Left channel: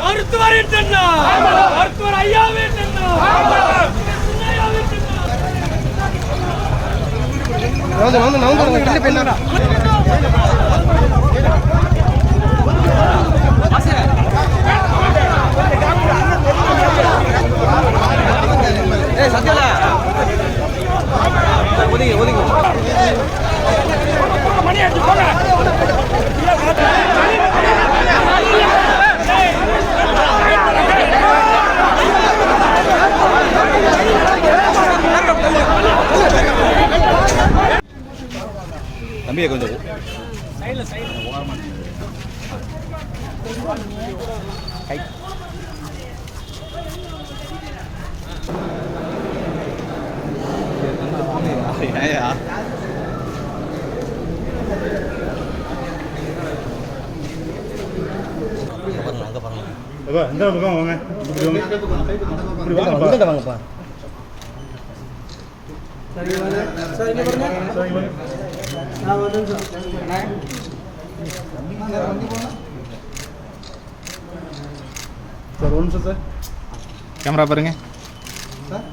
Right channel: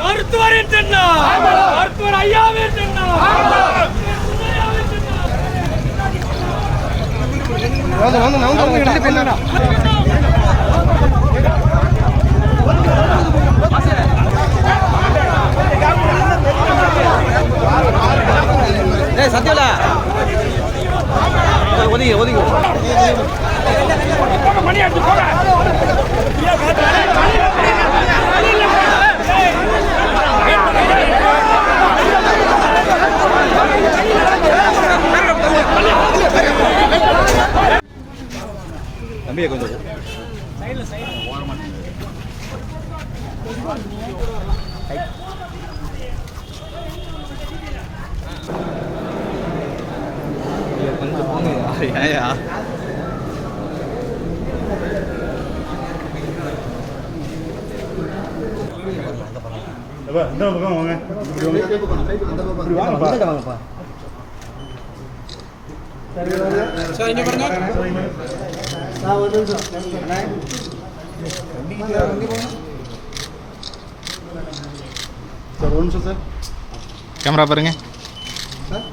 மருத்துவரின் சின்னம் மருத்துவர் ஐயாவின் சின்னம் தம்பியை கொஞ்சம் இந்த பக்கம் வாங்க வாங்கப்பா சார் இங்க பாருங்க நான் ஒரு நிமிஷம் சார் ஒரு நிமிஷம் சார் கேமரா பாருங்க சார்